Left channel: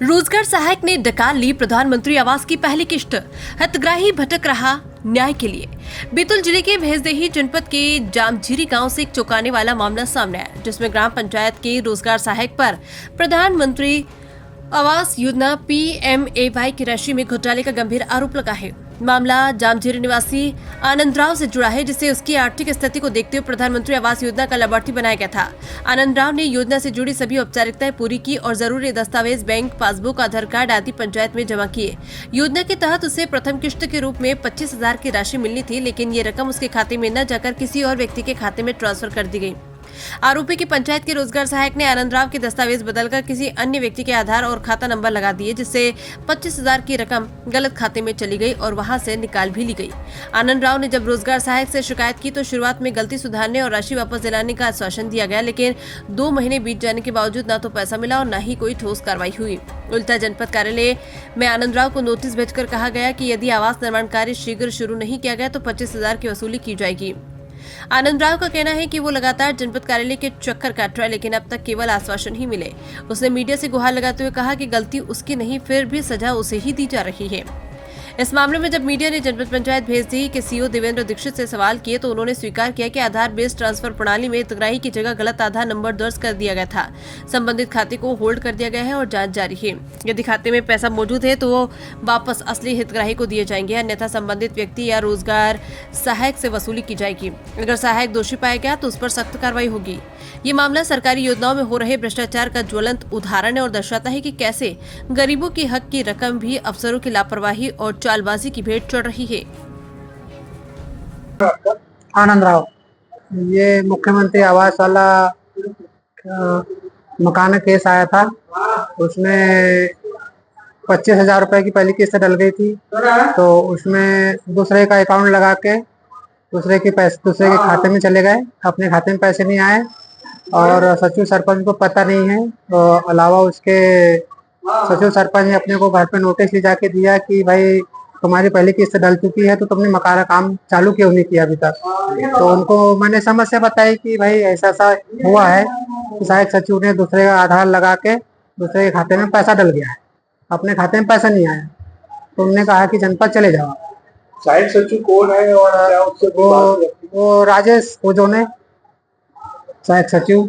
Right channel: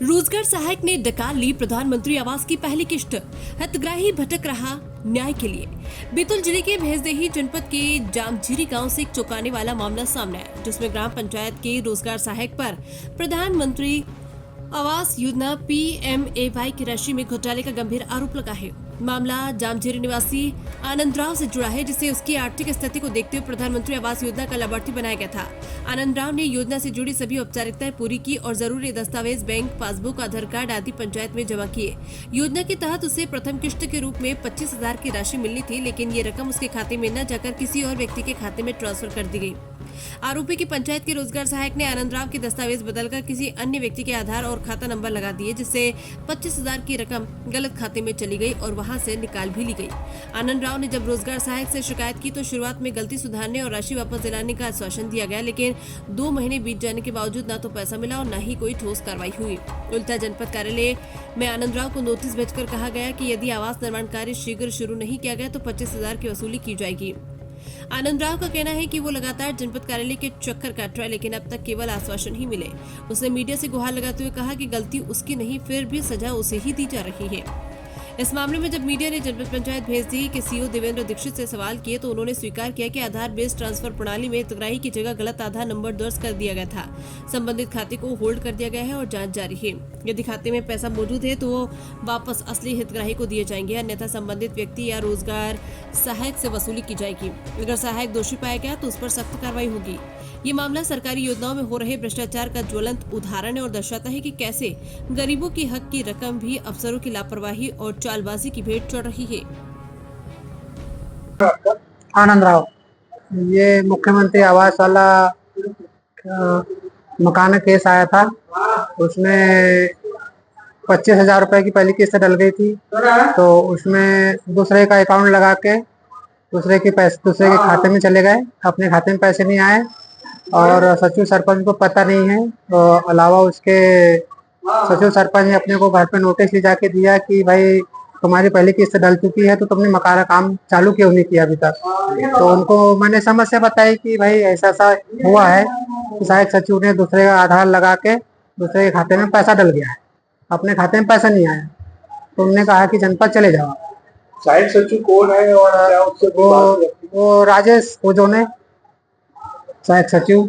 रोजगार सहायक ने डकार ली प्रधानमंत्री आवास की पहली किश्त। हितग्राही भटक रहा न्याय के लिए। बैतूल जिले के भैंसदेही जनपद के जामझीरी गांव से एक चौंकाने वाला मामला सामने आया, जिसमें ग्राम पंचायत के रोजगार सहायक पर प्रधानमंत्री आवास योजना PMAY की राशि में घोटाले का गंभीर आरोप लगा है। मामला जामझीरी निवासी आनंद राव से जुड़ा है, जिसे उसकी आर्थिक स्थिति को देखते हुए प्रधानमंत्री आवास योजना का लाभार्थी बनाया गया था। आनंद राव ने योजना से जुड़ी सभी औपचारिकताएं पूरी की और जरूरी दस्तावेज, बैंक पासबुक, आधार कार्ड आदि पंचायत में जमा किए। योजना के तहत उसे प्रथम किश्त के रूप में 25,000 की राशि मिलनी थी, लेकिन ये रकम उसके खाते में न जाकर किसी और व्यक्ति के खाते में ट्रांसफर कर दी गई। आरोपी की पंचायत के रोजगार सहायक ने आनंद राव के दस्तावेज बदलकर किसी अन्य व्यक्ति के आधार और खाता नंबर लगा दिए, जिससे 25,000 की रकम गलत खाते में चली गई और वहां से निकाल भी ली गई। आनंद राव ने जब रोजगार सहायक से शिकायत की तो शुरुआत में गलती सुधारने और राशि वापस दिलाने का आश्वासन दिया गया, लेकिन 2 महीने बीत जाने के बावजूद न तो पैसा मिला और न ही कोई ठोस कार्रवाई हुई। उल्टा जनपद कार्यालय में आनंद राव को नोटिस भेजकर कहा गया कि यदि आवास निर्माण कार्य शीघ्र शुरू नहीं किया गया तो 25,000 की वसूली की जाएगी। आनंद राव का कहना है कि वो लगातार जनपद कार्यालय के चक्कर काट रहा है, लेकिन अब तक केवल आश्वासन ही मिले। उसने मीडिया से गुहार लगाते हुए कहा कि गलती उसकी नहीं, फिर भी सजा उसे ही दी जा रही है। इस मामले में जब मीडिया ने जनपद पंचायत भैंसदेही के CEO देवेंद्र दीक्षित से सवाल किए तो उन्होंने स्वीकार किया कि आधार बेस्ड ट्रांसफर प्रणाली में हितग्राही की जगह गलत आधार नंबर दर्ज कर दिया गया था। संबंधित खाते को होल्ड कर दिया गया है और जांच जारी है। यदि खाते में पैसा मौजूद है तो वो वापस असली हितग्राही को दिए जाएंगे, अन्यथा संबंधित व्यक्ति या रोजगार सहायक से वसूली की जाएगी। अगर सहायक दोषी पाया गया तो उस पर सख्त कार्रवाई होगी। ये मामला सरकारी योजनाओं में हो रहे भ्रष्टाचार का ज्वलंत उदाहरण है और दर्शाता है कि कैसे गरीबों की हक की रकम भी अफसरों की लापरवाही और चालबाजी की भेंट चढ़ रही है। आनंद राव, ये मुख्यमंत्री आवास वाला मकान केस आया था। उसमें 25,000 रुपए की पहली किस्त डल गई थी, तो उसमें दूसरे का अकाउंट लगा के दूसरे के खाते में चले गए। अपने खाते में पैसे नहीं आए और सचिव सरपंच को पता नहीं है। तो अलावा उसके सचिव सरपंच ने अपने को घर पे नोटिस ले जाके दिया कि भाई तुम्हारी पहली किस्त डल चुकी है, तो तुमने मकान का काम चालू क्यों नहीं किया अभी तक। तो उनको मैंने समस्या बताई कि भाई ऐसा ऐसा हुआ है कि सहायक सचिव ने दूसरे का आधार लगा के दूसरे के खाते में पैसा डल गया है, अपने खाते में पैसा नहीं आया। तो उन्होंने कहा कि जनपद चले जाओ। सहायक सचिव कौन है और क्या उससे वो राजेश ओजोने सहायक सचिव।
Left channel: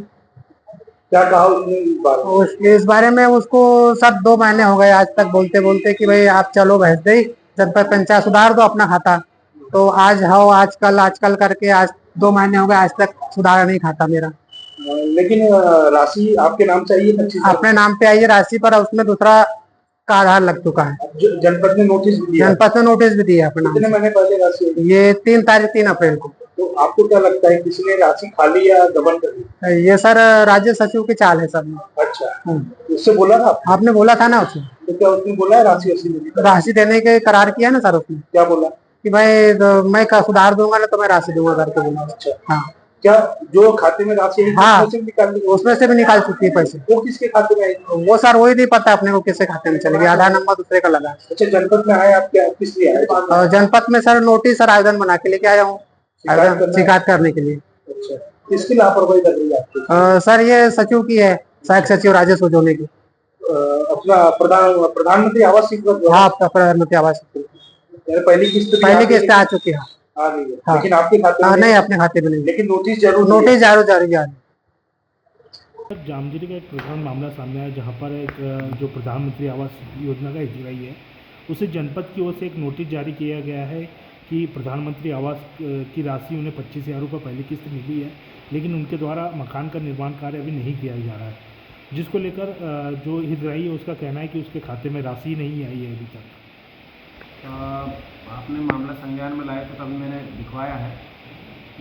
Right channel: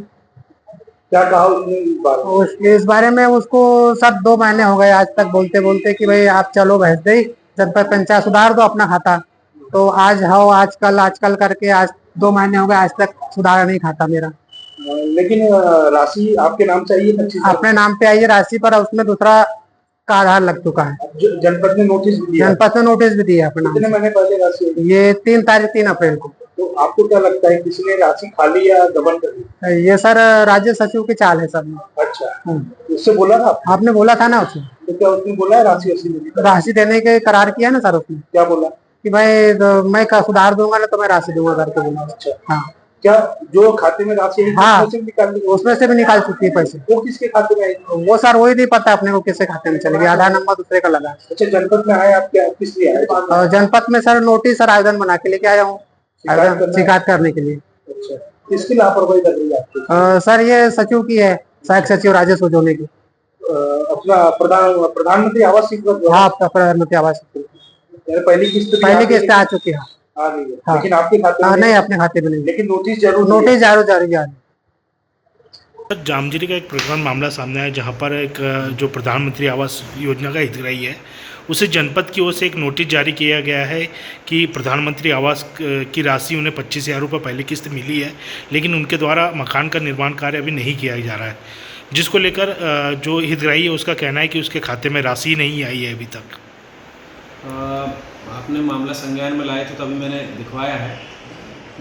क्या कहा उसने इस बारे में उसको सब 2 महीने हो गए आज तक बोलते बोलते कि भाई आप चलो भैंसदेही जनपद पंचायत सुधार दो अपना खाता। तो आज आओ, आजकल करके आज 2 महीने हो गए, आज तक सुधारा नहीं खाता मेरा। लेकिन राशि आपके नाम से आई है? अपने नाम पे आई है राशि, पर उसमें दूसरा का आधार लग चुका है। जनपद ने नोटिस दिया? जनपद ने नोटिस भी दिया अपना। कितने महीने पहले राशि? ये 3 अप्रैल को। तो आपको क्या लगता है किसने राशि खाली या गबन कर दी? ये सर राज्य सचिव की चाल है सर। अच्छा, उससे बोला था आपने? बोला था ना उसे। तो क्या उसने बोला है राशि देने के करार किया ना सर उसने। क्या बोला कि भाई मैं सुधार दूंगा ना तो मैं राशि दूंगा करके बोला। अच्छा, हाँ। क्या जो खाते में राशि है हाँ, उसमें से भी निकाल चुकी है पैसे। वो किसके खाते में आई? वो सर वही नहीं पता अपने को किसके खाते में चले गई, आधार नंबर दूसरे का लगा। अच्छा, जनपद में आए आप? क्या किस लिए आए? जनपद में सर नोटिस और आवेदन बना के लेके आया हूँ शिकायत करने के लिए। अच्छा, किसकी लापरवाही लग रही है आपको? सर ये सचिव की है, सहायक सचिव राजेश ओजोने की। अपना प्रधानमंत्री आवास योजना? हाँ, प्रधानमंत्री आवास पहली किस्त आ चुकी है। आ गई है। हाँ। लेकिन आपके खाते में नहीं, अपने खाते में नहीं। लेकिन नोटिस जरूर जारी। जामझीरी का एक प्रकरण मामला सामने आया, जहां पर एक जो प्रधानमंत्री आवास योजना का हितग्राही है उसे जनपद की ओर से एक नोटिस जारी किया गया है कि प्रधानमंत्री आवास की राशि उन्हें 25,000 रुपये पहली किस्त मिली है, लेकिन उनके द्वारा मकान का निर्माण कार्य अभी नहीं किया जा रहा है, जिसको लेकर जो हितग्राही है उसका कहना है कि उसके खाते में राशि नहीं आई है अभी तक। आपने मामला संज्ञान में लाए थे तो अभी मैंने दिखवाया है।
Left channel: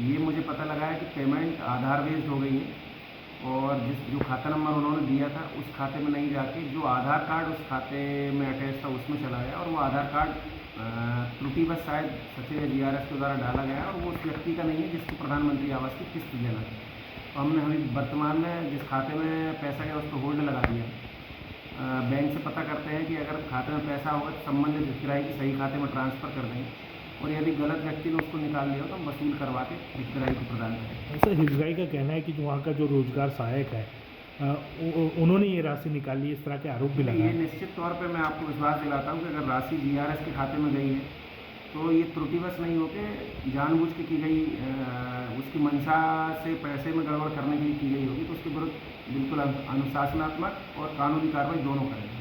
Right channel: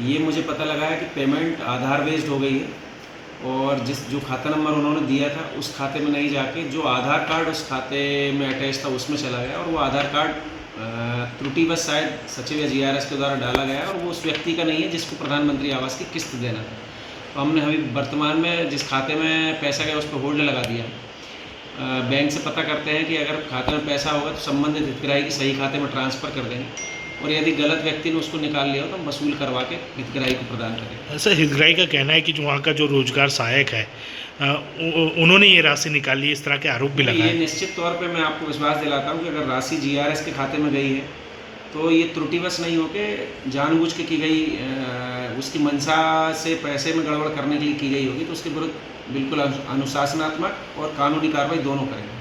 ये मुझे पता लगा है कि पेमेंट आधार बेस्ड हो गई है और जो खाता नंबर उन्होंने दिया था उस खाते में नहीं जाके जो आधार कार्ड उस खाते में अटैच था उसमें चला गया, और वो आधार कार्ड त्रुटिवश शायद सचिव या GRS के द्वारा डाला गया और वो उस व्यक्ति का नहीं है जिसको प्रधानमंत्री आवास की किस्त देना है। तो हमने अभी वर्तमान में जिस खाते में पैसा गया उस पर होल्ड लगा दिया। बैंक से पता करते हैं कि अगर खाते में पैसा होगा तो संबंधित हितग्राही के सही खाते में ट्रांसफ़र कर देंगे। और यदि गलत व्यक्ति ने उसको निकाल लिया हो तो हम वसूल करवा के हितग्राही को प्रदान करेंगे। सर, हितग्राही का कहना है कि जो वहाँ का जो रोजगार सहायक है उन्होंने ये राशि निकाली है, इस तरह के आरोप भी ये लगाए। निश्चित तौर पे मैं आपको विश्वास दिलाता हूँ कि अगर राशि जीआरएस के खाते में गई है तो ये त्रुटिवश नहीं होकर जानबूझ के की गई, उसकी मंशा से पैसे में गड़बड़ करने के लिए की गई होगी, तो उसके विरुद्ध बिल्कुल अनुशासनात्मक और कानूनी कार्रवाई दोनों करेंगे।